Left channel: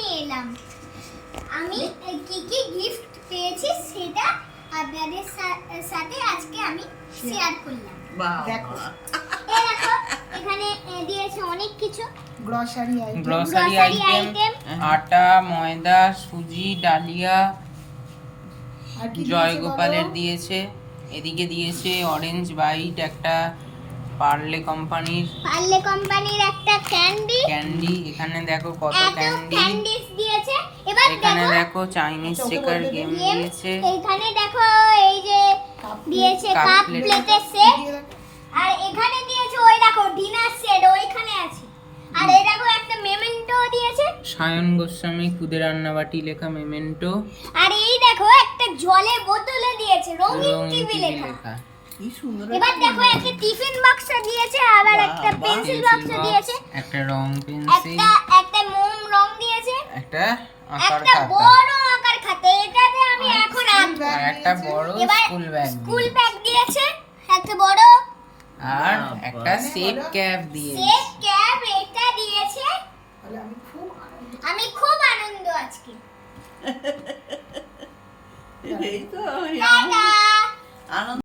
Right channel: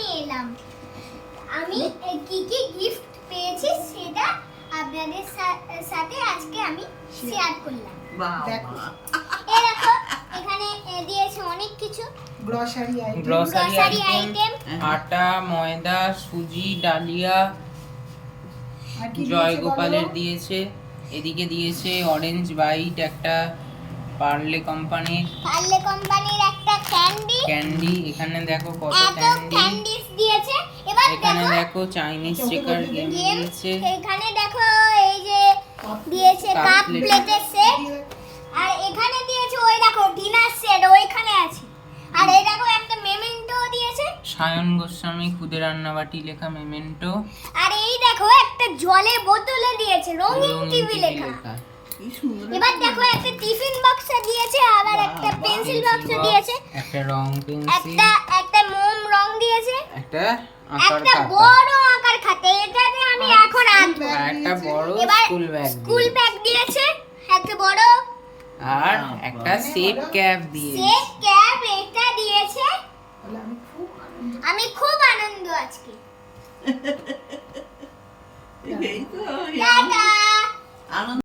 নিয়ে এলাম। আমি কি কি গিফট পেয়েছি সেটা আপনাদের সাথে আজকে আমি শেয়ার করলাম। দেখো এই দেখো এখানে দিয়েছে অনেক কিছু গ্রসারি গ্রসারি আইটেম, আটা, ময়দা, সুজি, ডালিয়া, জয়গোপালের দিয়েছে। এদিকে দিয়েছে অরেঞ্জ বাইট, একটা পার্লে কোম্পানির একটা ক্যান্ডি। এখানে দেখো কত এত ক্যান্ডি। ক্যান্ডিস দিয়েছে। এবার এখানে দেখো চাইনিজ চেকার গেম দিয়েছে। এখানে দেখো এই যে দিয়েছে কাপ কাপ প্লেট। প্লেটের সেট। আর এখানে দিয়েছে ওই দেখো ডিনার সেট ওইখানে আছে। আর এই দেখো একটা মেমেন্টো দিয়েছে। সায়ন গোস্বামী খুদে রান্নাবাটি লেখা মেমেন্টো। আর এই দেখো একটা জলের বোতলে দিয়েছে রঙিন টিভি লেখা। কি সুন্দর। এবার দেখো একটা টিফিন বাক্স দিয়েছে, আবার একটা পেন্সিল বাক্স দিয়েছে, একটা রং পেন্সিল, একটা মোম রং দিয়েছে, একটা আঁকার একটা খাতা, বড় আকার খাতা এটাতে আমি এখন আঁকবো। আর একটা বড় এবার স্কুল ব্যাগ স্কুল ব্যাগ দিয়েছে একটা বড়, আর একটা সেফ ক্যাপ দিয়েছে। সেট ক্যাপ এটা দিয়েছে। তাহলে আমি খুব আনন্দ আজকে। এই তো টাটা। আনন্দ।